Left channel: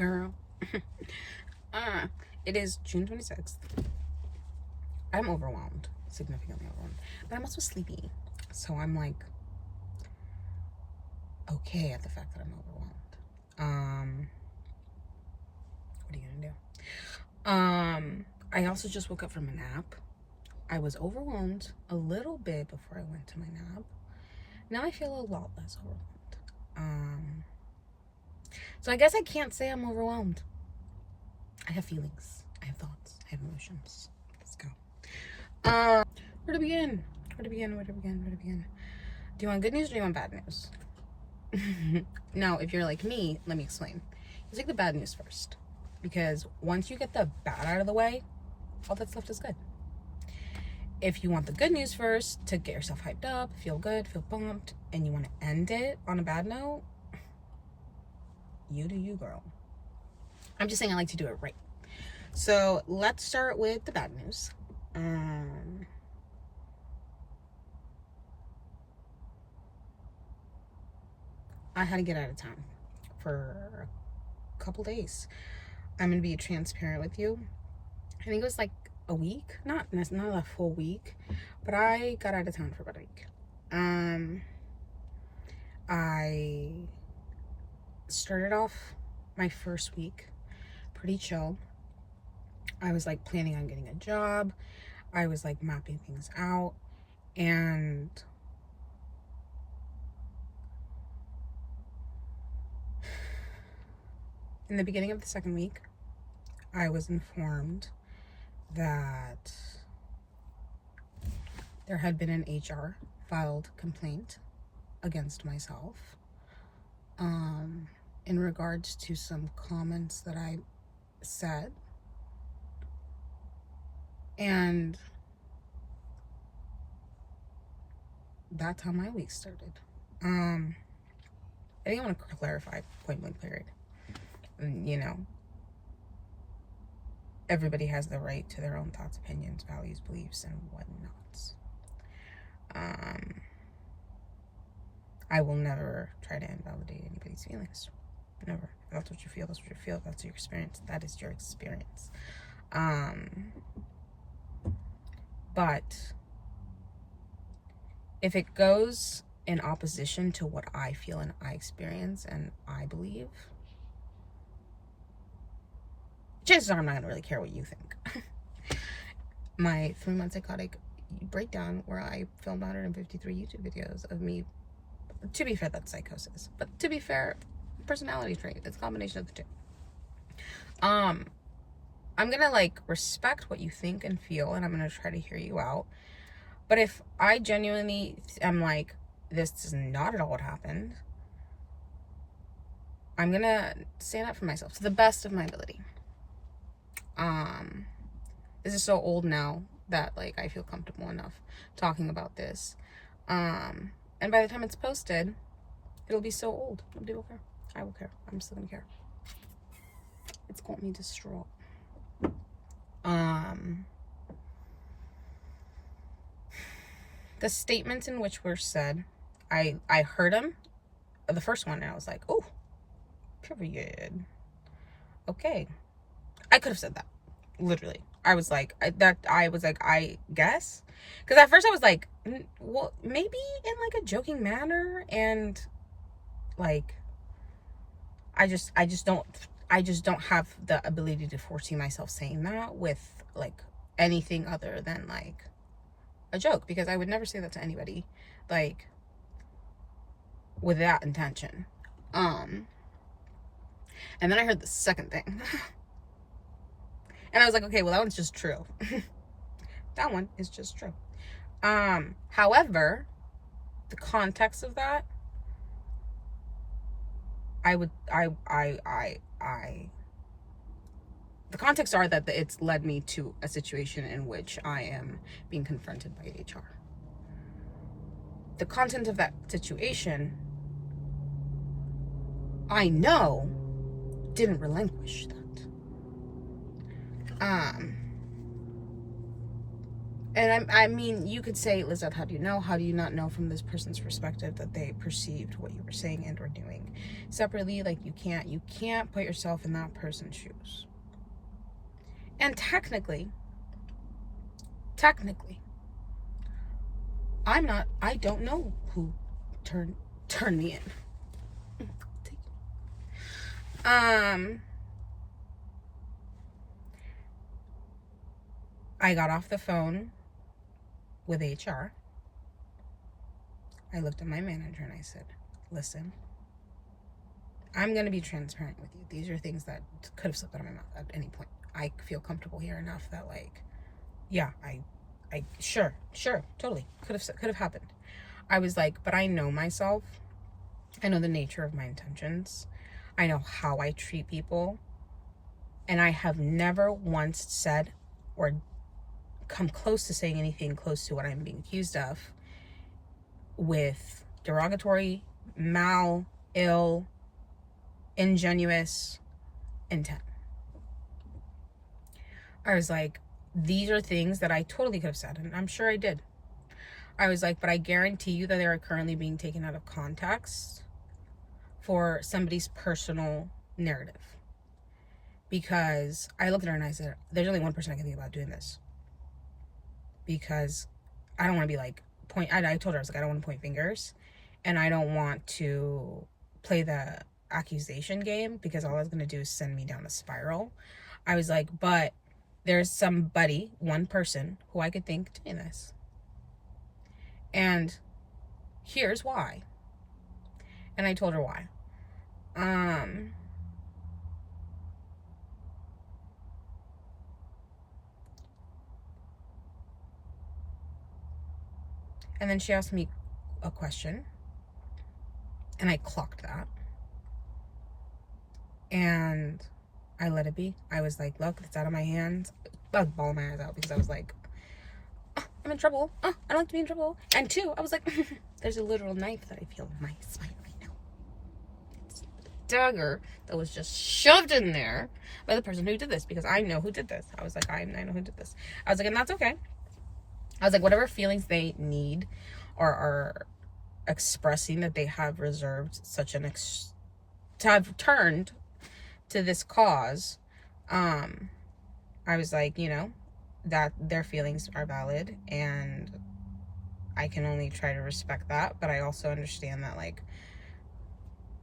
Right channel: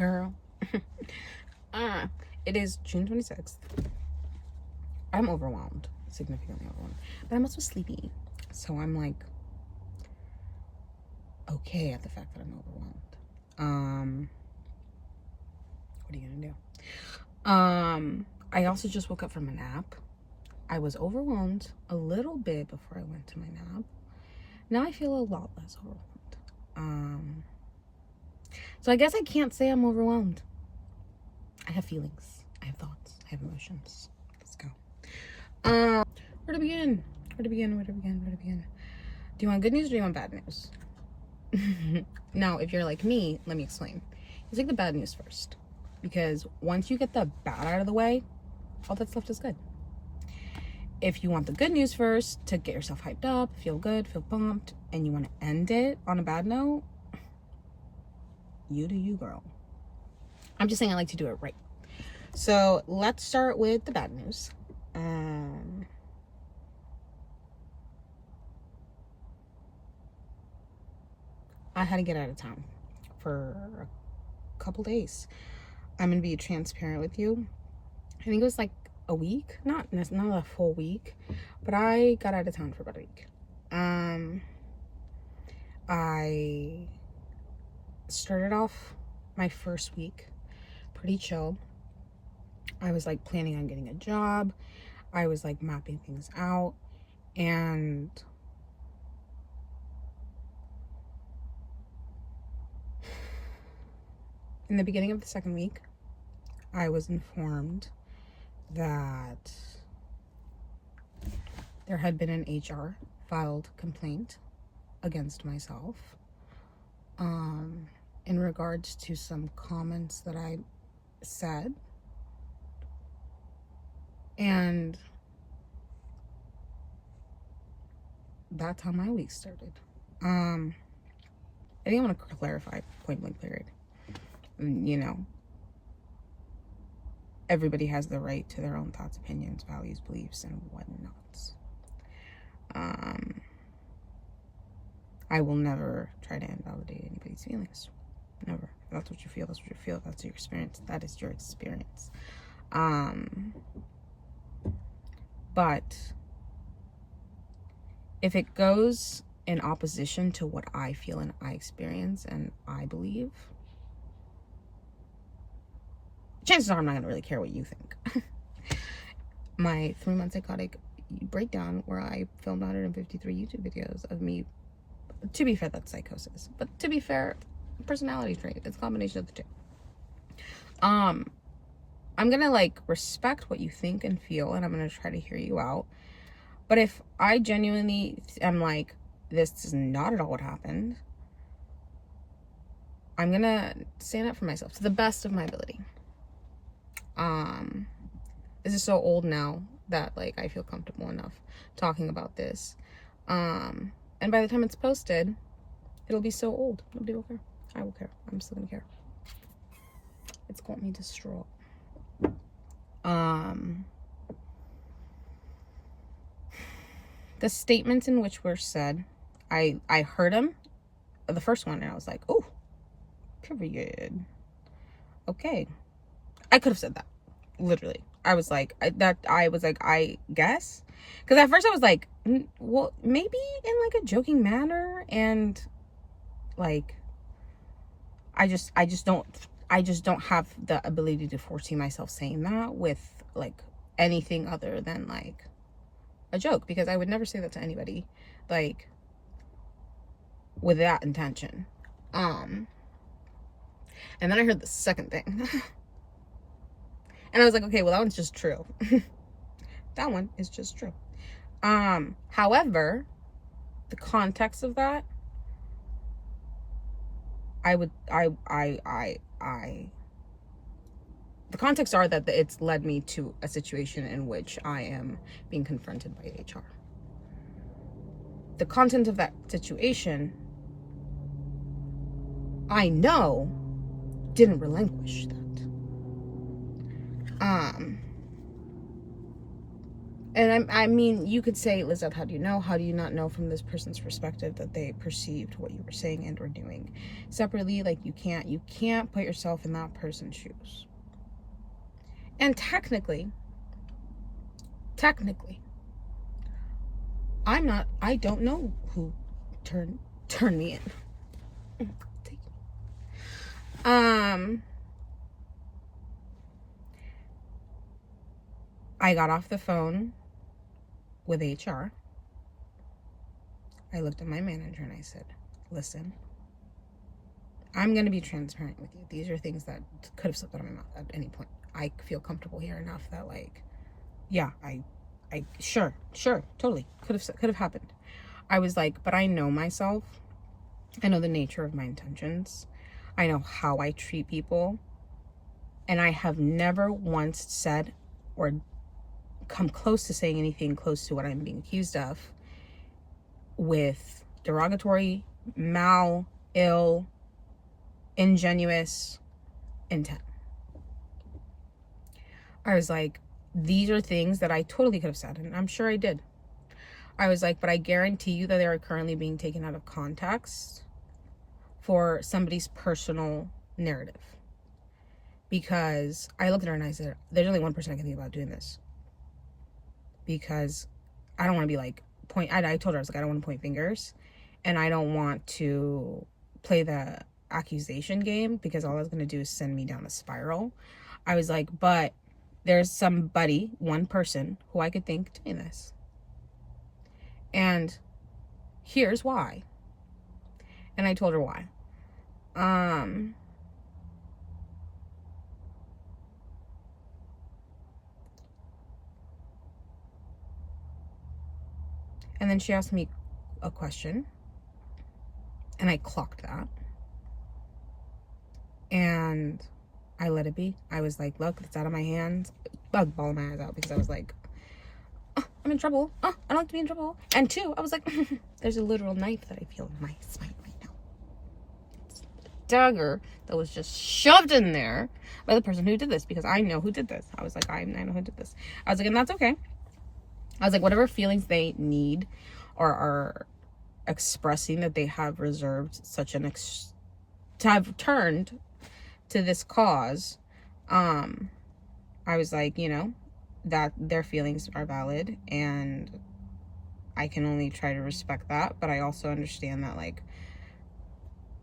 girl. It is June 26th. I'm overwhelmed, significantly overwhelmed, but I'm also sleepy. So I'm like, okay at the fact that I'm overwhelmed. What are you gonna do? I also just woke up from a nap. I was overwhelmed a little bit before I went to my nap. Now I feel a lot less overwhelmed. So I guess I can't say I'm overwhelmed. I have feelings. I have thoughts. I have emotions. Let's go. Where to begin? Where to begin? Where to begin? Where to begin? Do you want good news or do you want bad news? No, if you're like me, let me explain. You take the bad news first. Because once you get the bad out of the way, all that's left is good. If you want the good news first, to get yourself hyped up, feel good, feel pumped, and you want to end it on a bad note, you do you, girl. I'm just saying I like to do it right. So let's start with the bad news. I had to get out of town for a couple days. I'm gonna be transparent with you. I think it was like a week, not a full week, but I got out of town for about a week. I started off my first week pretty chill. I was like planning on getting a job. I was like mapping things out, and in the beginning of the second week, I was informed that there had been an HR filed complaint against myself in regards to some comments that I said. And that's how my week started. I didn't want to clarify point blank period. You know, everybody has the right to their own thoughts, opinions, values, beliefs, and whatnot. I will never try to invalidate anybody's feelings. Never. If that's what you feel, that's what you feel. If that's your experience, that is your experience. But if it goes in opposition to what I feel and I experience and I believe, chances are I'm not going to really care what you think. My 3-month psychotic breakdown, where I filmed 153 YouTube videos of me, to be fair, that's psychosis, but to be fair, personality trait. It's a combination of the two. I'm gonna like respect what you think and feel, and I'm gonna try to hear you out. But if I genuinely am like, this is not at all what happened, I'm gonna stand up for myself to the best of my ability. This is so old now that like I feel comfortable enough talking about this. And by the time it's posted, it'll be so old. Nobody will care. I will care. I'm still gonna care. It's got me distraught. The statements in which were said, I heard them, the first one, and I was like, oh, period. Okay. I could have said that. Literally. I was like, I guess. Because at first I was like, well, maybe in like a joking manner, and like, I just don't have the ability to foresee myself saying that with like anything other than like a joke, because I would never say that to anybody like with that intention. And then I heard the second thing. And I was like, okay, well, that one's just true. That one is just true. However, the context of that, the context are that it's led me to a situation in which I am being confronted by HR. The content of that situation, I know, didn't relinquish that. And I mean, you could say, Lizette, how do you know? How do you not know from this person's perspective that they perceived what you were saying and or doing separately? Like, you can't put yourself in that person's shoes. And technically, I don't know who turned me in. I got off the phone with HR. I looked at my manager and I said, listen, I'm going to be transparent with you. These are things that could have slipped out of my mouth at any point. I feel comfortable here enough that, like, yeah, I sure, totally could have happened. I was like, but I know myself. I know the nature of my intentions. I know how I treat people. And I have never once said or come close to saying anything close to what I'm being accused of with derogatory, ill, ingenuous intent. I was like, these are things that I totally could have said, and I'm sure I did. I was like, but I guarantee you that they are currently being taken out of context for somebody's personal narrative. Because I looked at her and I said, there's only one person I can think about doing this. Because I don't want to be like, I told her, I was like, I don't want to point fingers. And I don't want to play the accusation game, because all that's going to do is send me down a spiral. I was like, but there's somebody, one person, who I could think doing this. And here's why. And I told her why. And then she asked me a question, and I clocked that. And I let it be. I was like, look, it's out of my hands. I was bawling my eyes out because I was like, oh, I'm in trouble. Oh, I don't like to be in trouble. And two, I was like, there's a literal knife that I feel in my spine right now. It's a dagger that was just shoved in there by the person who did this, because I know who did this. I was like, I know who did this. I was like, and that's okay. I was like, whatever feelings they need or are expressing that they have reserved such an to have turned to this cause, I was like, you know, that their feelings are valid, and I can only try to respect that, but I also understand that, like,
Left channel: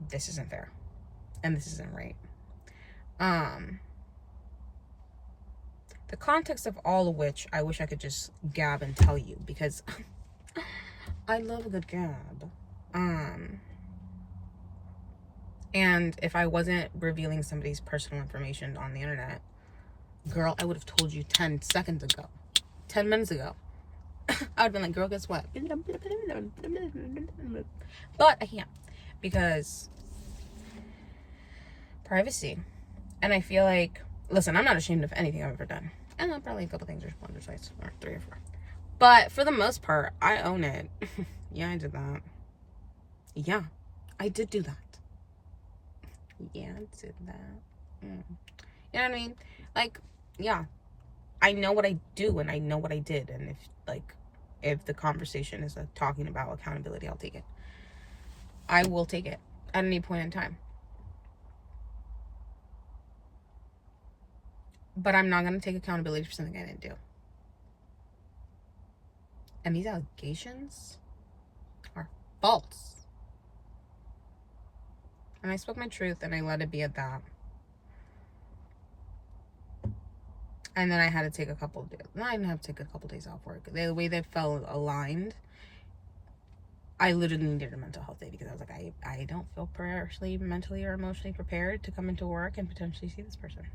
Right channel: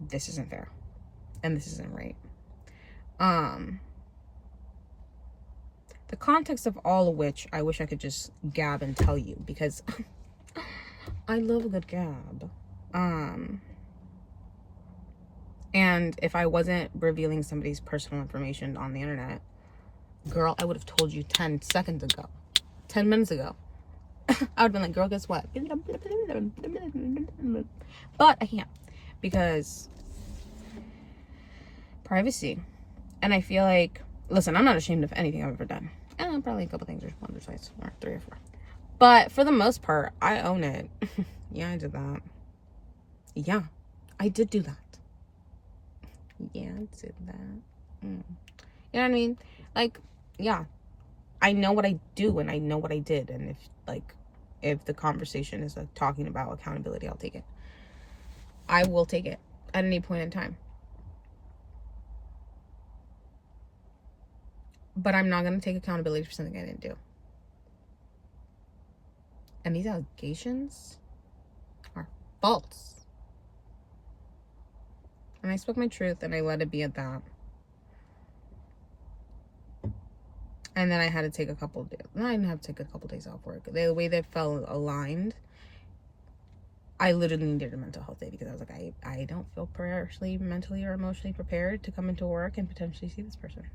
this isn't fair and this isn't right. The context of all of which I wish I could just gab and tell you, because I love a good gab. And if I wasn't revealing somebody's personal information on the internet, girl, I would have told you 10 seconds ago, 10 minutes ago. I would have been like, girl, guess what? But I can't, because privacy. And I feel like, listen, I'm not ashamed of anything I've ever done. And probably a couple things, or one or twice, or 3 or 4. But for the most part, I own it. Yeah, I did that. Yeah, I did do that. Yeah, I did that. You know what I mean? Like, yeah, I know what I do and I know what I did. And if the conversation is like talking about accountability, I'll take it. I will take it at any point in time. But I'm not going to take accountability for something I didn't do. And these allegations are false. And I spoke my truth and I let it be at that. And then I had to take a couple of days. No, I didn't have to take a couple of days off work. The way they felt aligned, I literally needed a mental health day, because I was like, I don't feel personally, mentally, or emotionally prepared to come into work and potentially see this person.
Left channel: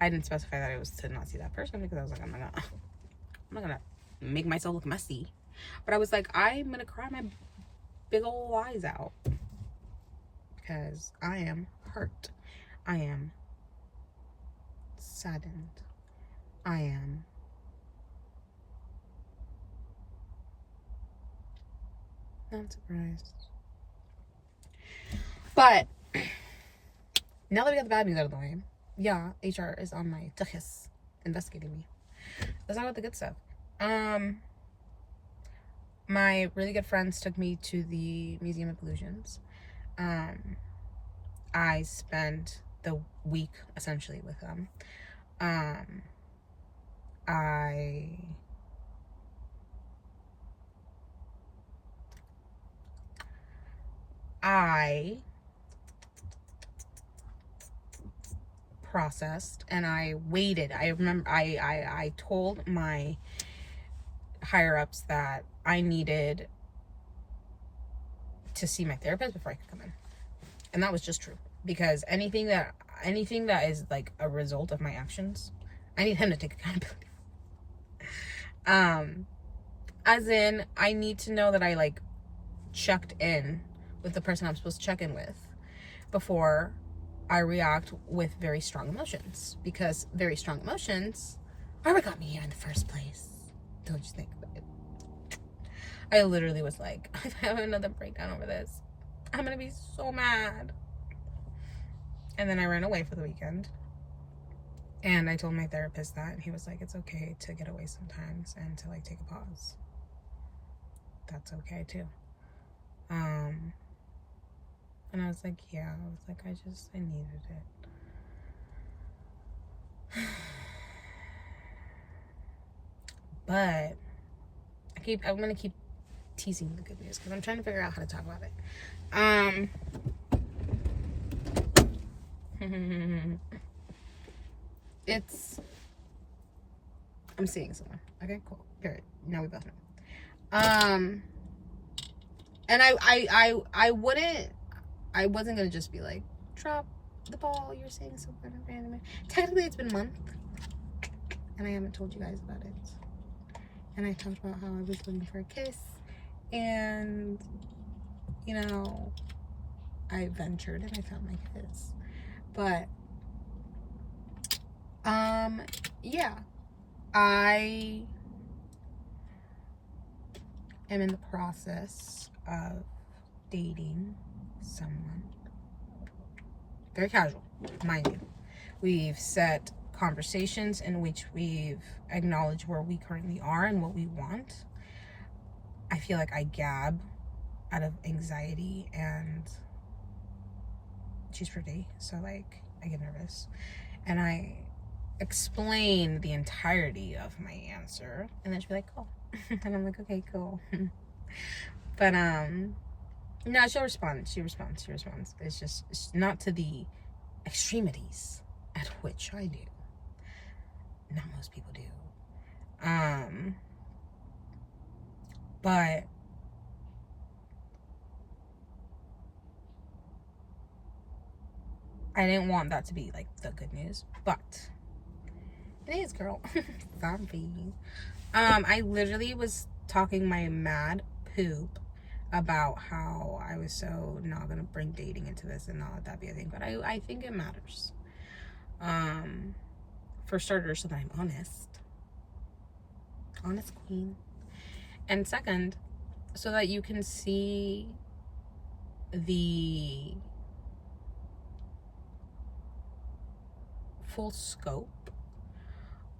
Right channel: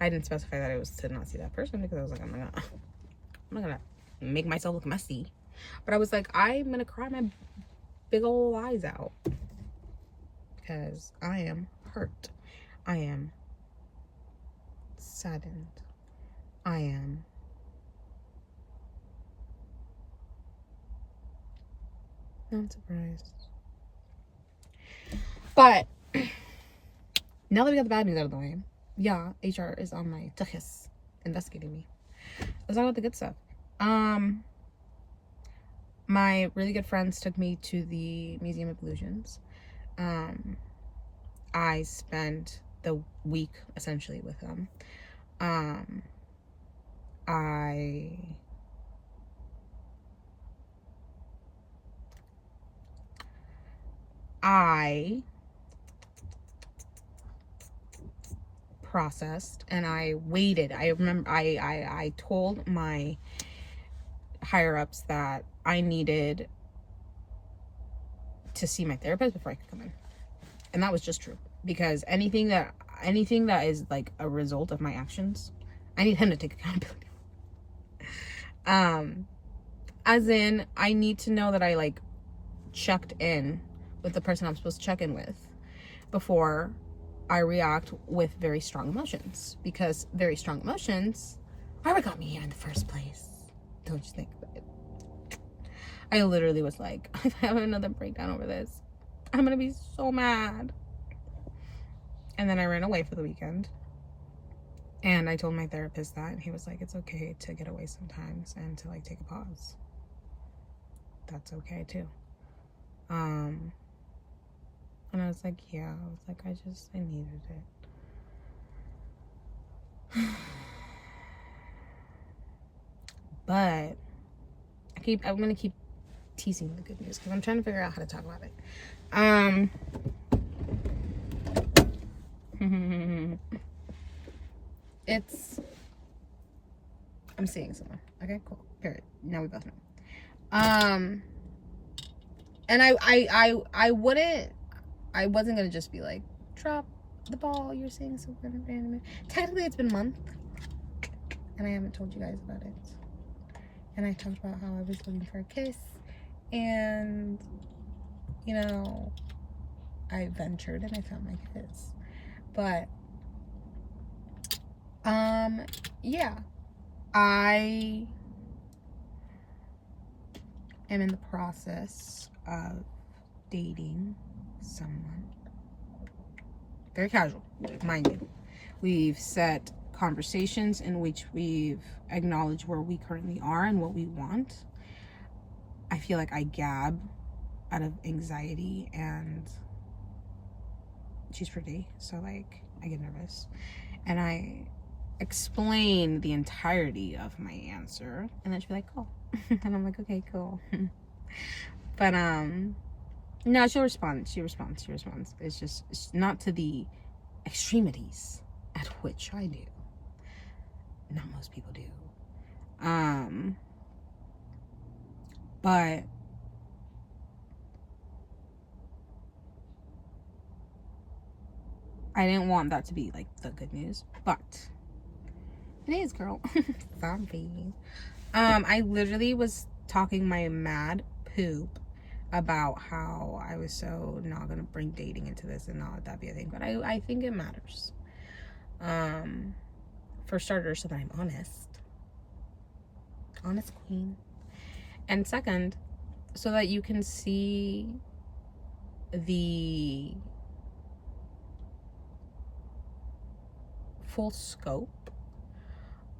I didn't specify that it was to not see that person, because I was like, I'm not gonna make myself look messy. But I was like, I'm gonna cry my big old eyes out, because I am hurt. I am saddened. I am not surprised. But now that we got the bad news out of the way, yeah, HR is on my tuchus investigating me. Let's talk about the good stuff. My really good friends took me to the Museum of Illusions. I spent the week essentially with them. I processed and I waited. I remember I told my higher ups that I needed to see my therapist before I could come in. And that was just true, because anything that is like a result of my actions, I need him to take accountability. As in, I need to know that I like checked in with the person I'm supposed to check in with before I react with very strong emotions, because very strong emotions are what got me here in the first place. Don't you think about it? I literally was like, if I have another breakdown over this, I'm gonna be so mad. And then I ran away for the weekend. And I told my therapist that, and he was like, it's okay to get away sometimes and to like take a pause. That's okay too. And I was like, yeah, I was like, I needed it. But I'm gonna keep teasing the good news because I'm trying to figure out how to talk about it. I'm seeing someone. Okay, cool. Period. Now we both know. And I wasn't gonna just be like, drop the ball, you're saying something random. Technically it's been a month and I haven't told you guys about it. And I talked about how I was looking for a kiss, and you know, I ventured and I found my kiss. But yeah, I am in the process of dating someone. Very casual, mind you. We've set conversations in which we've acknowledged where we currently are and what we want. I feel like I gab out of anxiety, and she's pretty, so like I get nervous. And I explain the entirety of my answer, and then she'll be like, cool. And I'm like, okay, cool. But no, she'll respond. She responds. It's not to the extremities at which I do. Not most people do. But I didn't want that to be like the good news, but it is, girl. Zombie. I literally was talking my mad poop about how I was so not gonna bring dating into this and not let that be a thing, but I think it matters. For starters, so that I'm honest queen, and second, so that you can see the full scope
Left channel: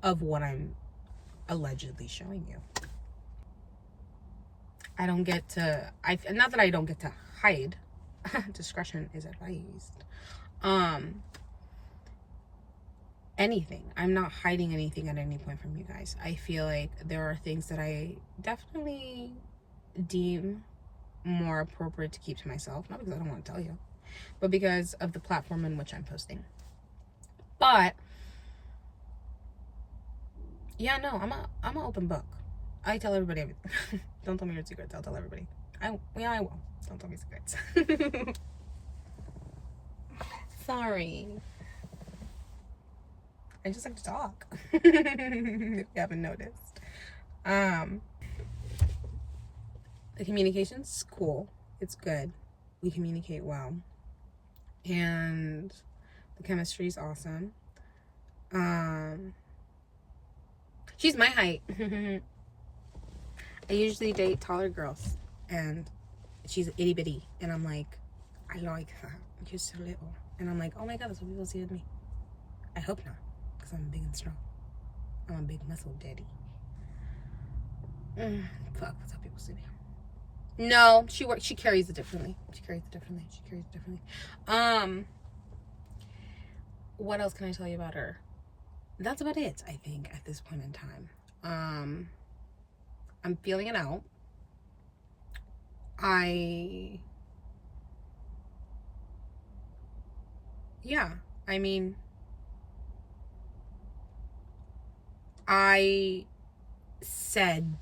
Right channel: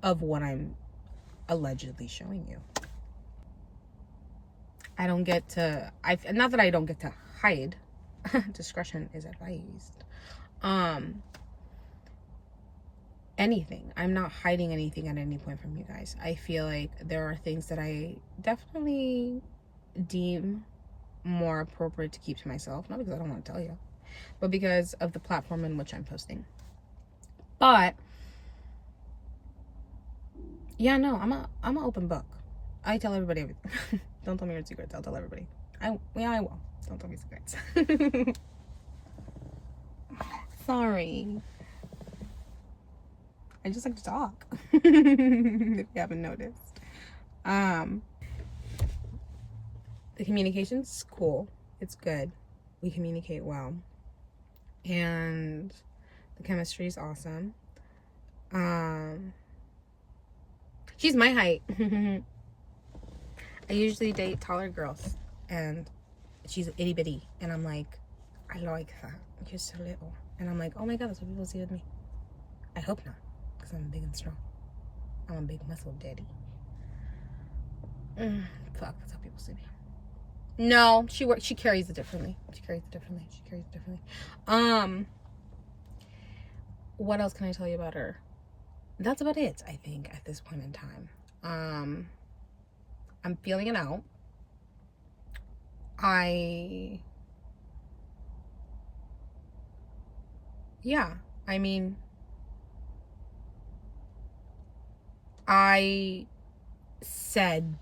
of what I'm allegedly showing you. I don't get to, not that I don't get to hide. Discretion is advised. Anything. I'm not hiding anything at any point from you guys. I feel like there are things that I definitely deem more appropriate to keep to myself, not because I don't want to tell you, but because of the platform in which I'm posting. But yeah, no, I'm an open book. I tell everybody everything. Don't tell me your secrets. I'll tell everybody. I will. Don't tell me secrets. Sorry. I just like to talk. If you haven't noticed. The communication's cool. It's good. We communicate well. And the chemistry is awesome. She's my height. I usually date taller girls, and she's itty bitty, and I'm like, I like that. You're so little. And I'm like, oh my god, that's what people see with me. I hope not, because I'm big and strong. I'm a big muscle daddy. Fuck, that's how people see me. No, she carries it differently. What else can I tell you about her? That's about it, I think, at this point in time. I'm feeling it out. I mean, I said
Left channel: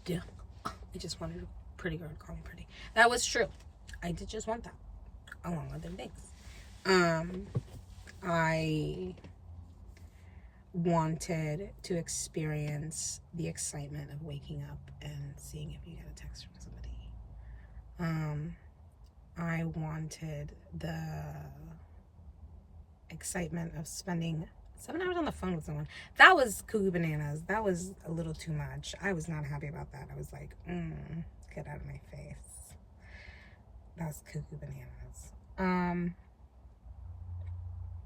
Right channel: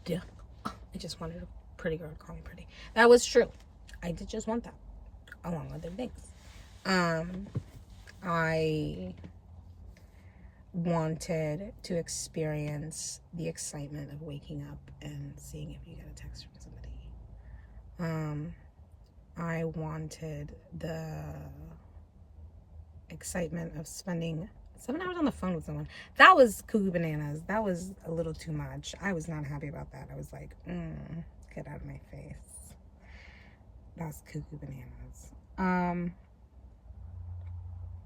I just wanted a pretty girl to call me pretty. That was true. I did just want that, along with other things. I wanted to experience the excitement of waking up and seeing if you get a text from somebody. I wanted the excitement of spending 7 hours on the phone with someone. That was cuckoo bananas. That was a little too much. I was not happy about that. I was like, get out of my face. That's cuckoo bananas.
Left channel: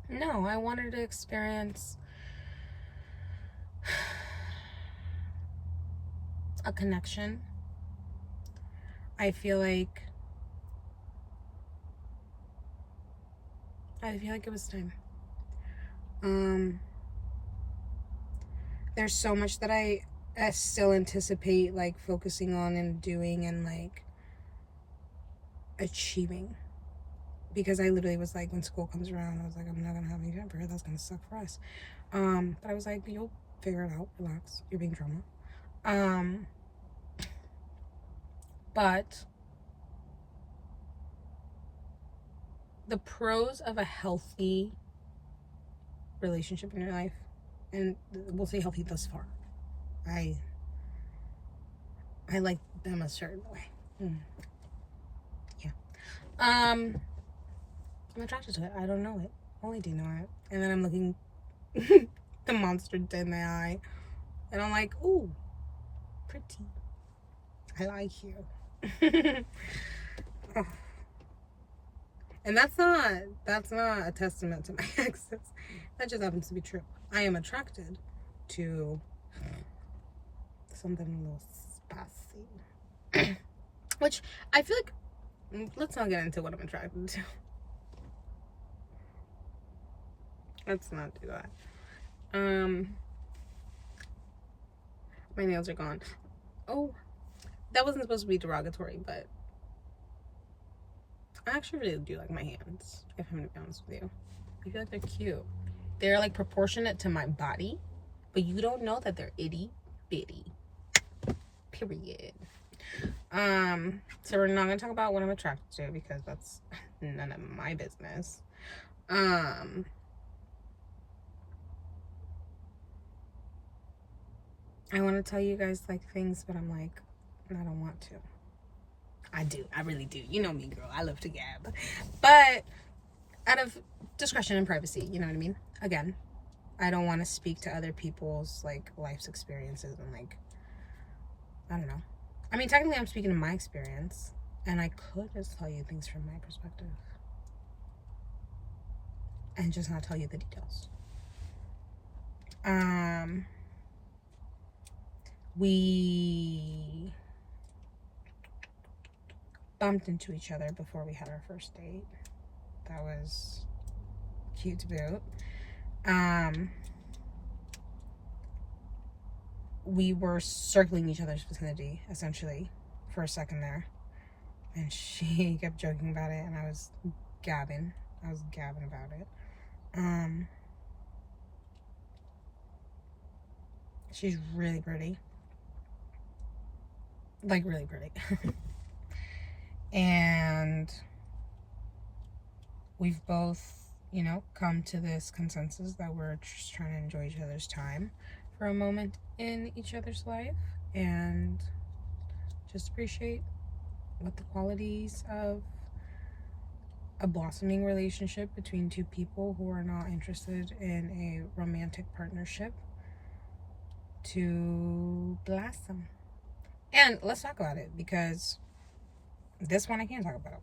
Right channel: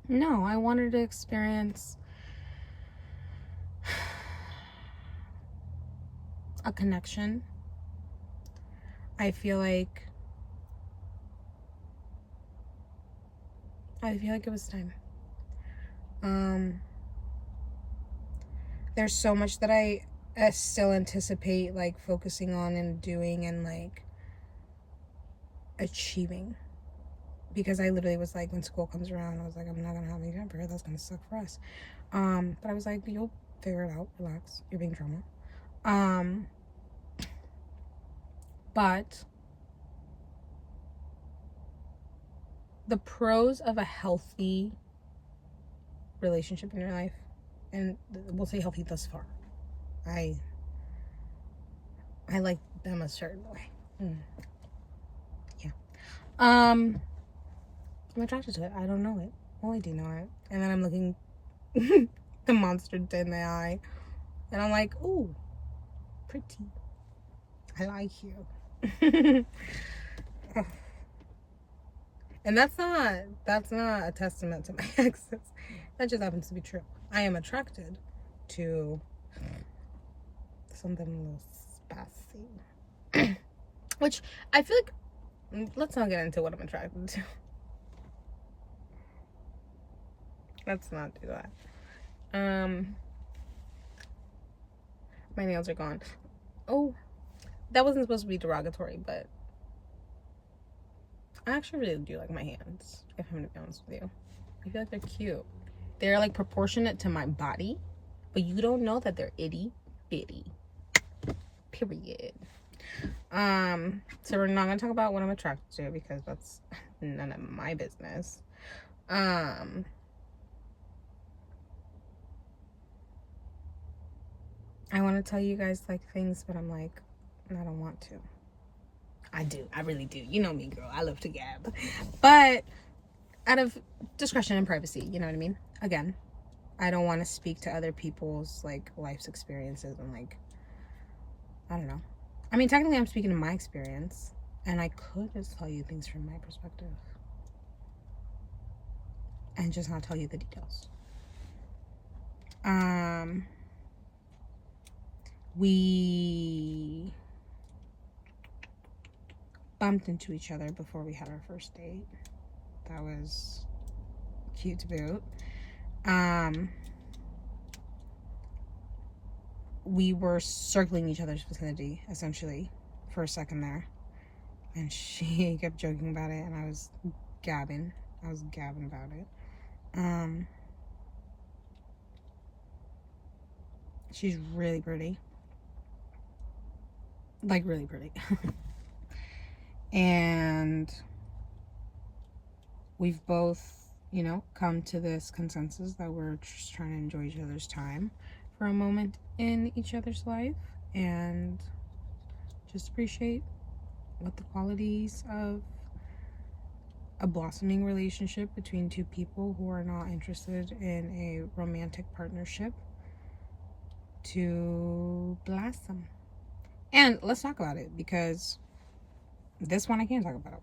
No, I wanted to experience a connection. I feel like it was time. There's so much that I still anticipate like focusing on and doing and like achieving, because I literally was like, when school comes around, I was like, I'm not gonna have any time for her. That's gonna suck for us. But I was like, you'll figure it out. Relax. You're being drama. But the pros of a healthy relationship in your life, and we'll say healthy thus far, I like them a certain way. Yeah. I'm attracted to it. I don't know it. Well, I do know it. And then I'm looking the monster in the eye, and I'm like, ooh, pretty. I like you. And that's not a testament to my exes. That just happens to be true. I am attracted to something a little spicy. Which I feel like, let's not get into what I'm attracted to. Let's not do that. My nails are gone. Oh, that wasn't supposed to be derogatory, but I actually really do like my hands, if I'm gonna be honest with you. I feel like they're cute. They're like proportionate to my body, but you don't know that they're itty bitty. Period. So we're not gonna talk about what I'm attracted to, because that's none of my business. I want to tell you guys like things, but I'm like, I don't want to. I do. I really do. You know me, girl. I love to gab. But out of discretion and privacy, you know what I mean? Again, I don't want to speak to other people's like life's experiences and like, I don't know. I mean, technically I'm speaking to my experience, and I could just tell you things from my perspective and just not tell you the details. We bumped into each other before we had our first date. That was cute to boot. We were circling each other's vicinity, essentially, for a second there. And she kept joking about it, and I was gabbing about it. She's really pretty. Like, really pretty. And we've both, you know, come to this consensus that we're just trying to enjoy each other's time for a moment in each other's life, and just appreciate what the qualities of a blossoming relationship between two people who are not interested in a romantic partnership to blossom. And let's talk about it, because this one I can't talk about.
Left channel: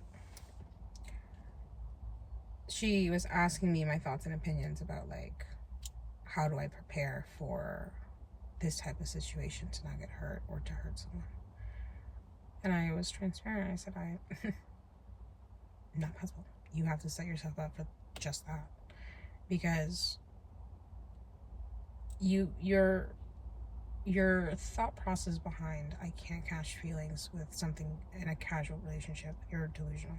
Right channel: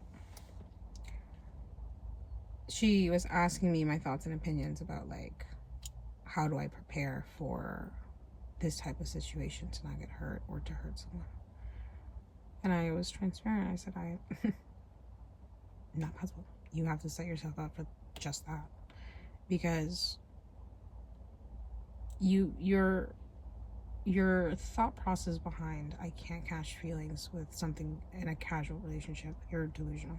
She was asking me my thoughts and opinions about like, how do I prepare for this type of situation to not get hurt or to hurt someone. And I was transparent. I said, not possible. You have to set yourself up for just that. Because your thought process behind I can't catch feelings with something in a casual relationship, you're delusional.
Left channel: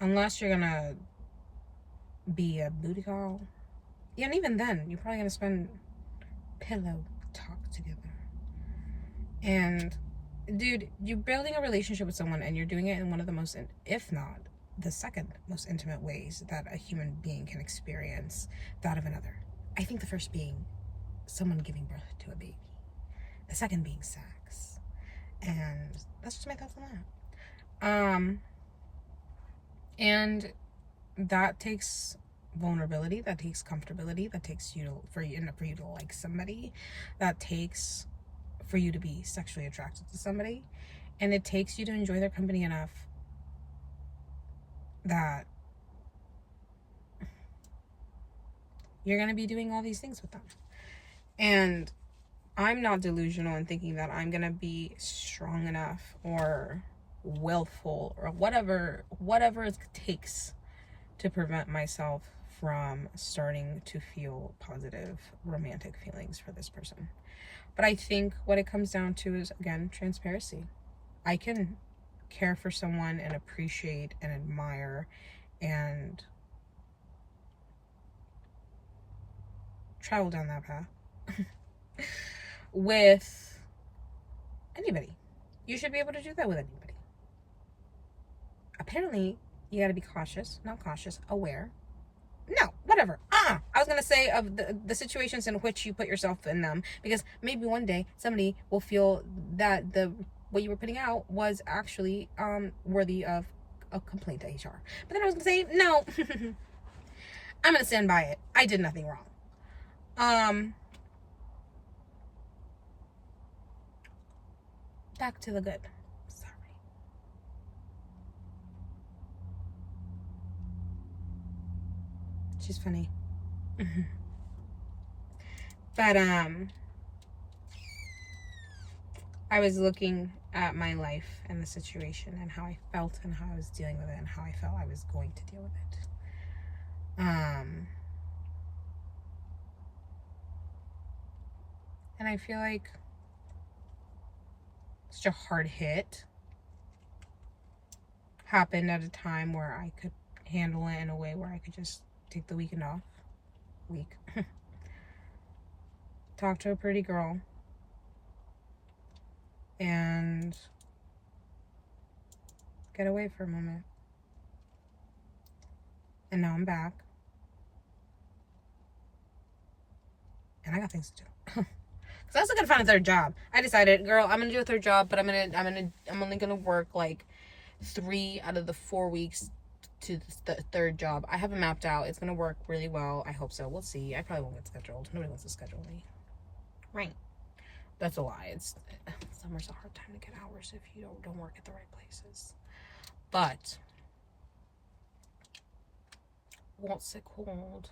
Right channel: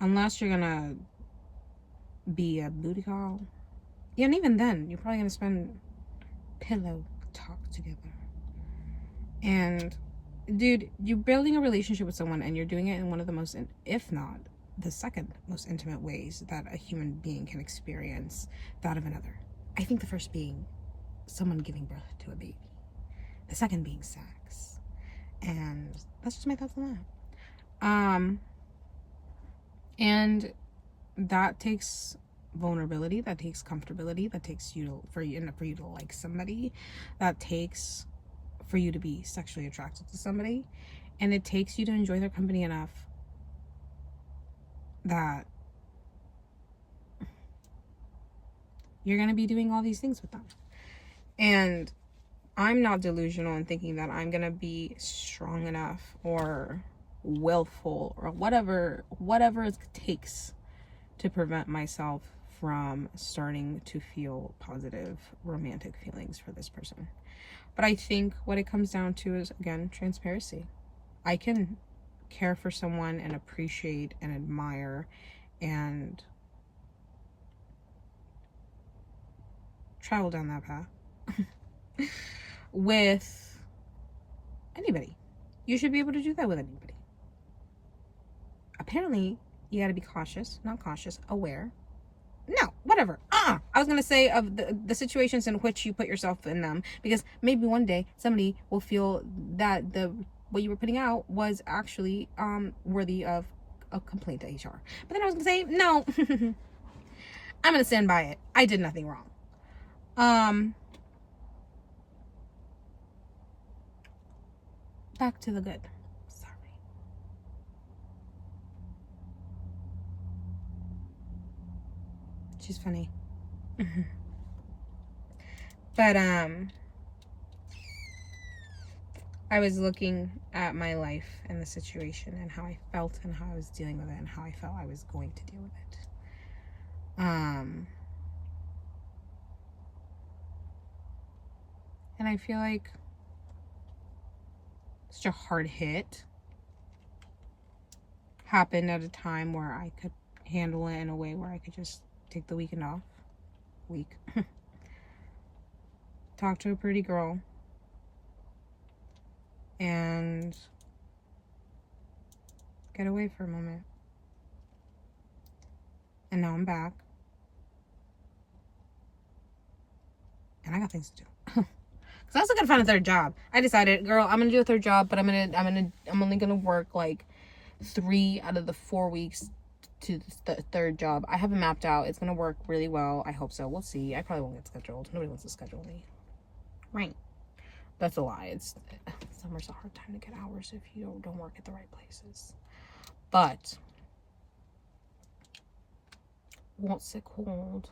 Unless you're gonna be a booty call. Yeah, and even then, you're probably gonna spend pillow talk together. And dude, you're building a relationship with someone and you're doing it in one of the most, if not the second most intimate ways that a human being can experience that of another. I think the first being someone giving birth to a baby. The second being sex. And that's just my thoughts on that. And that takes vulnerability, that takes comfortability, that takes for you to like somebody, that takes for you to be sexually attracted to somebody, and it takes you to enjoy their company enough that you're going to be doing all these things with them. And I'm not delusional in thinking that I'm going to be strong enough or willful or whatever it takes to prevent myself from starting to feel positive romantic feelings for this person. But I think what it comes down to is, again, transparency. I can care for someone and appreciate and admire and travel down that path with anybody. You should be able to do that with anybody. Apparently, you got to be cautious, not cautious, aware. No, whatever. I was going to say of the situations in which you put yourself in them, because maybe one day somebody will feel that what you were putting out was actually worthy of a complaint to HR. But then I was going to say, no, I'm going to stand by it. I did nothing wrong. Back to the good. Sorry. She's funny. But I was looking at my life and the situation and how I felt and how I was dealing with it and how I felt I was going to deal with it. And I feel like such a hard hit happened at a time where I could handle it in a way where I could just take the weekend off. Talk to a pretty girl. And get away for a moment. And now I'm back. And I got things to do. Cause I was looking to find a third job. I decided, girl, I'm gonna do a third job, but I'm only gonna work like 3 out of the 4 weeks to the third job. I have it mapped out. It's gonna work really well. I hope so. We'll see. I probably won't get scheduled. Nobody wants to schedule me. Right. That's a lie. Summer's a hard time to get hours if you don't work at the right places. But what's it called?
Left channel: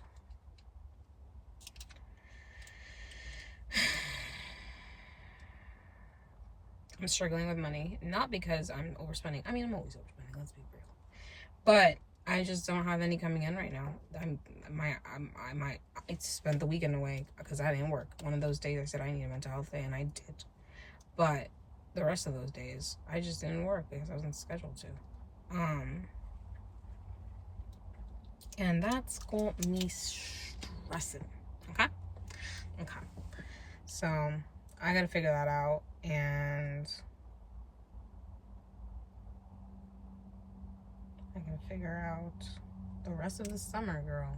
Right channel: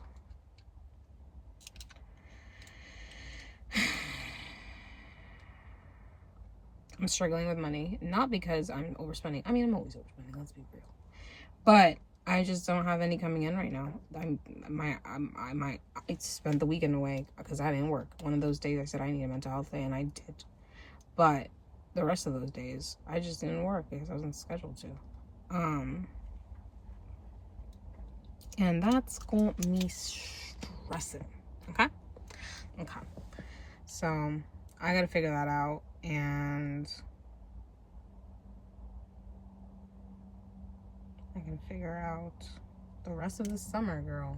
I'm struggling with money, not because I'm overspending. I mean, I'm always overspending. Let's be real. But I just don't have any coming in right now. I spent the weekend away because I didn't work. One of those days I said I need a mental health day, and I did. But the rest of those days, I just didn't work because I wasn't scheduled to. And that's got me stressing. Okay? So, I gotta figure that out, and I can figure out the rest of the summer, girl.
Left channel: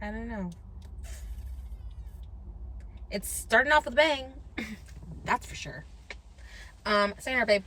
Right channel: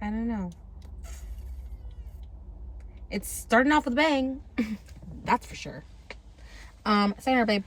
I don't know. It's starting off with a bang. That's for sure. Sayonara, babe.